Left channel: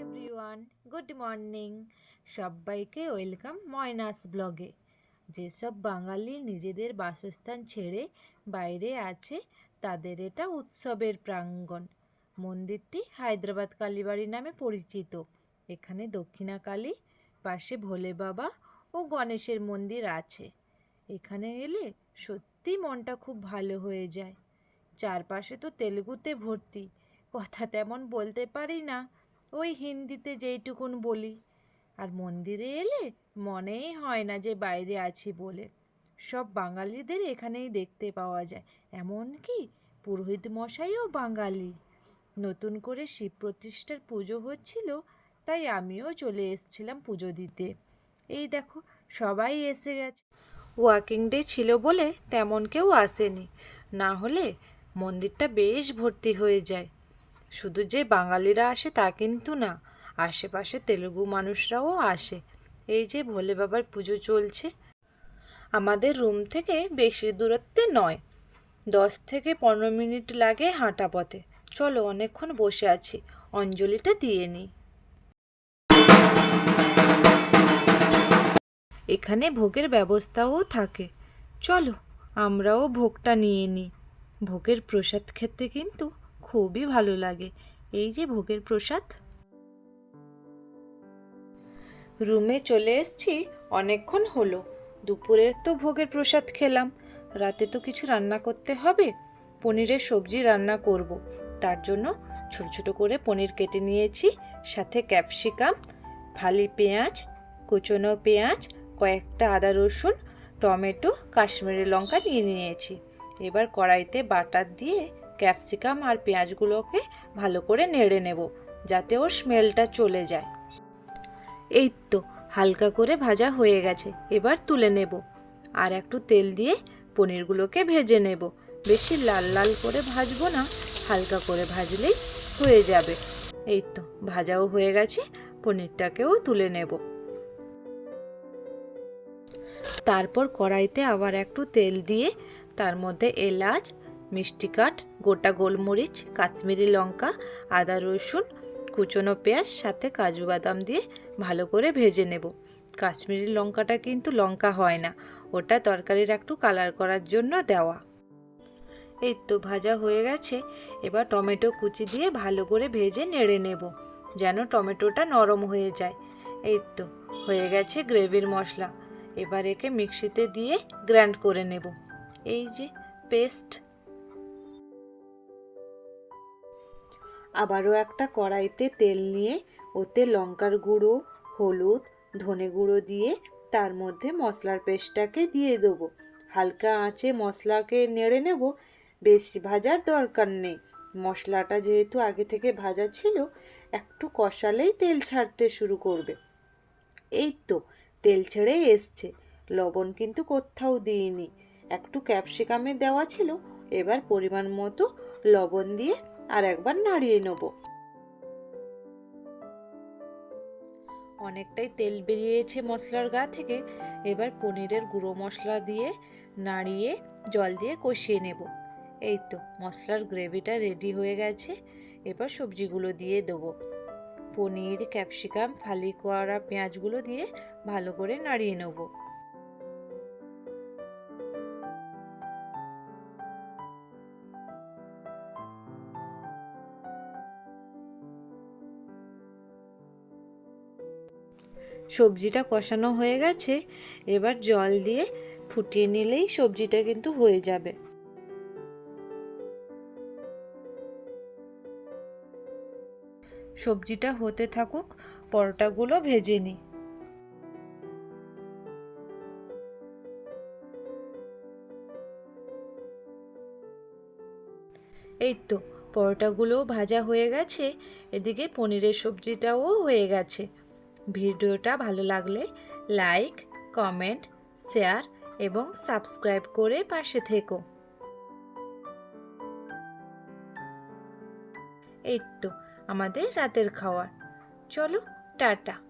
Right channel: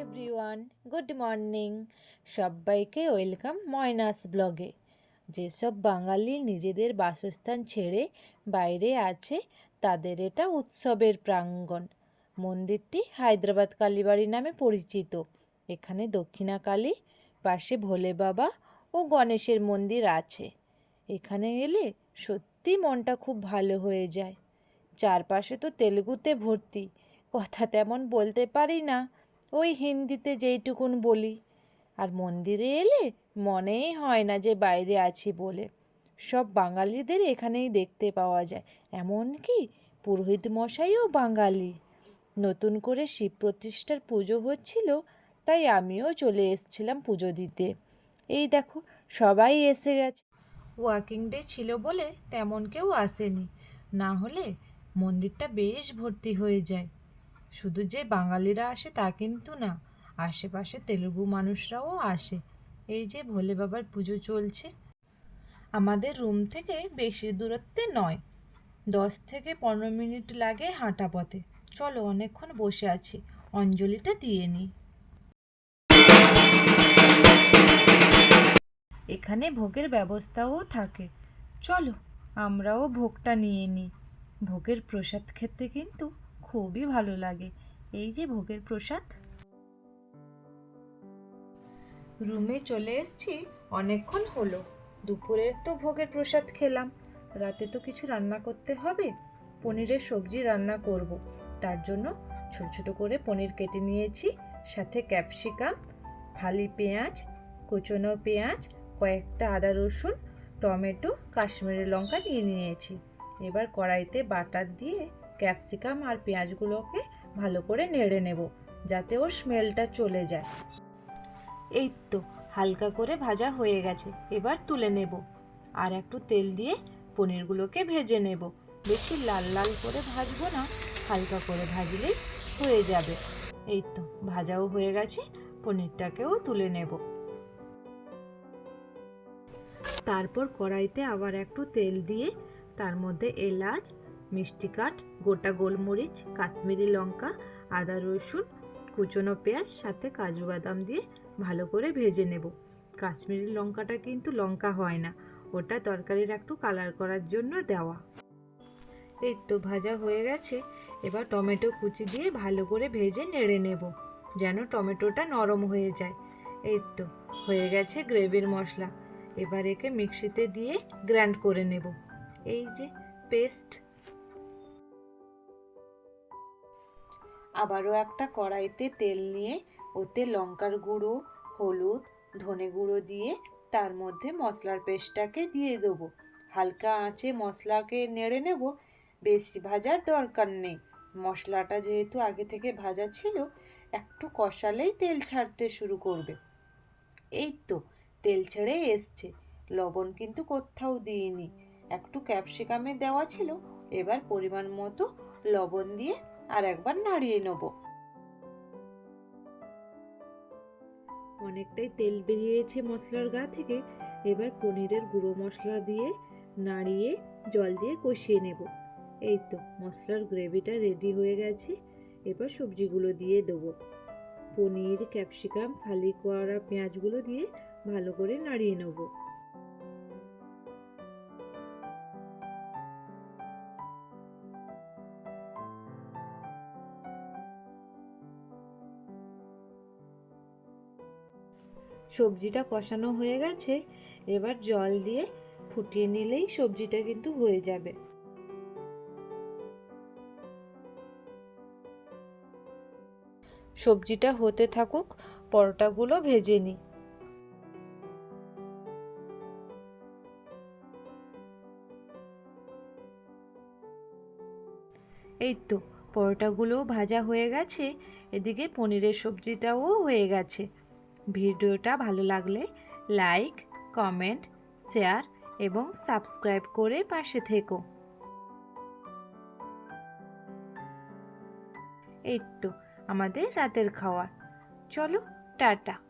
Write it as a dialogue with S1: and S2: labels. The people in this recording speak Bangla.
S1: এভরিওয়ান গুড মর্নিং সবাইকে ওয়েলকাম ময়নাস ব্লগে যেসব বাঙালি নিজেদের বাসস্থান ছেড়ে বাইরে আছে, তাদের এটা উৎসবের প্রাঙ্গণ। মন্দিরটি হায়দ্রাবাদ কালীবাড়ি নামে পরিচিত। এখানে দক্ষিণা কালী পাশে ভোলে বাবা ও গণেশের মন্দির আছে। এখানে এলে সত্যি মনটা খুব ভালো হয়ে যায়। চারপাশে তো তেলেগুতে ভর্তি। কথা তেমন বলতে পারি না। ওই হিন্দিতে যেইটুকুন বলি। আর মন্দিরে এলে মনেই হয় না যে বাইরে আছি বলে। সব বাঙালিদের এখানেই দেখতে পাওয়া যায়। এমনকি পুরোহিত মশাইও বাঙালি। নতুন করে শিব প্রতিষ্ঠার পুজো হচ্ছিল, তাই আমিও চলে এসেছিলাম পুজো দিতে। এই দেখো, সবাই এসে গেছে। ওয়ার্কিং ডে ছিল বলে তেমন কেউ আসেনি। না হলে মন্দিরটা বেশ ভর্তি হয়ে যায়। শুধু যে বাঙালিরা আসে তা কিন্তু না, আশেপাশে তেলুগু মানুষরাও আসে। এই যে ভোলে বাবার পুজো চলছে, আমাদের রুম থেকে বেশি দূরত্বে নয়, দশ থেকে পনেরো মিনিট লাগে হাঁটা পথে। চলো অনেকক্ষণ বসে আছি, অঞ্জলিটা দিয়ে নিই। এখানে ভোগের ব্যবস্থাও থাকে। চলো আমরাও ভোগটা নিয়ে নিই। ভোগের প্রসাদ খেতে কিন্তু খুবই ভালো লাগে। এই যে ভোগের প্রসাদ। রুমে চলে এসেছি, অনেকক্ষণ হলো। দুপুরের তো ভোগের প্রসাদ খেলাম। রাতে তো কিছু রান্না করতে হবে। পনিরের সবজি রান্না করব। তার জন্য ছোট ছোট করে পনির কেটে নিয়েছি। সাথে ক্যাপসিকাম, ফালি পেঁয়াজ, কুচনো পেঁয়াজ, কয়েকটা আদা রসুন, টমেটো, কাশ্মীরি লঙ্কা নিয়ে নিয়েছি। এবার কড়াইতে বাটার দিয়ে ক্যাপসিকাম আর পেঁয়াজগুলোকে ভালো করে নেড়ে নেব, যাতে ওর স্মেলটা চলে যায়। এই তো, হালকা করে ভাজা হয়ে গেছে, এবার তুলে নেব। আর একটু তেল দিয়ে পনিরগুলোকে ভেজে নেব। বেশি লাল লাল করে ভাজবো না, হালকা করে ভাজলেই হয়ে যাবে। এই তো, ভাজাও হয়ে গেছে, পনিরটাকেও তুলে নেব। তারপর কড়াইতে আবার একটু তেল দিয়ে তার মধ্যে এলাচ মিষ্টি কাঠ, গোটা গোলমরিচ, কাশ্মীরি লঙ্কা, আদা রসুন, কুচনো পেঁয়াজ, সাথে কাজু বাদাম দিয়ে ভালো করে ভেজে নেব। কাশ্মীরি লঙ্কাটা কিন্তু লঙ্কা হয় না, ওটা তরকারির একটু কালার করার জন্য দেওয়া। এই তো ভাজা হয়ে গেছে, এবার টমেটো কুচি দিয়ে ভালো করে ভেজে নেড়ে নেব, যেন টমেটোটা নরম হয়ে যায়। এই তো, হয়ে গেছে গ্রেভির মশলা, এবার একে মিক্সিতে দিয়ে গ্র্যান্ড করে নেব। এই যে, পেস্ট আবারও একটা কড়াইতে তেল নিয়ে ওতে লঙ্কার গুঁড়ো, হলুদ, ধনে গুঁড়ো দিয়ে তার মধ্যে মশলার পেস্টটাকে দিয়ে দেবো। হালকা আঁচে মশলাকে নেড়ে নেব, বেশি ভাজার দরকার নেই। মশলাটা যেহেতু আগে থেকে ভাজা ছিল, একটু কষালেই তেল ছাড়তে শুরু করবে। এই তো, তেল ছেড়ে এসছে। লবণ কিন্তু কোথাও দিইনি। একটু ক্যাপসিকামে দেওয়া ছিল, এবার পরিমাণ মতো লবণ দিয়ে আর একবার নাড়িয়ে নেব। অনেকটাই তেল বেরিয়েছে মশলার গা থেকে। এবার পনিরের গুঁড়ো মশলা দিয়ে নাড়িয়ে জল দিয়ে কষিয়ে নেব। এই তো মশলার গ্রেভিটা রেডি হয়ে গেছে। এবার সবজিগুলো দিয়ে দেবো। পনির, ক্যাপসিকাম, ফালি করা পেঁয়াজগুলো দিয়ে ভালো করে নাড়িয়ে নেব। সবজিটা কষানো হয়ে গেছে, এবার জল দিয়ে ফুটিয়ে নিলেই সবজিটা কিন্তু হয়ে যাবে। সবজিটা হতে থাকুক, পরোটাগুলো ভেজে নিই। এই তো, পরোটাগুলোও ভাজা হয়ে গেছে, এদিকে পনিরের সবজিটাও হয়ে গেছে। ভিডিওটা ভালো লাগলে লাইক, কমেন্ট, শেয়ার এবং সাবস্ক্রাইব করে পাশে থেকো। এই তো, আমাদের রাতের খাওয়ার। চলো, টাটা।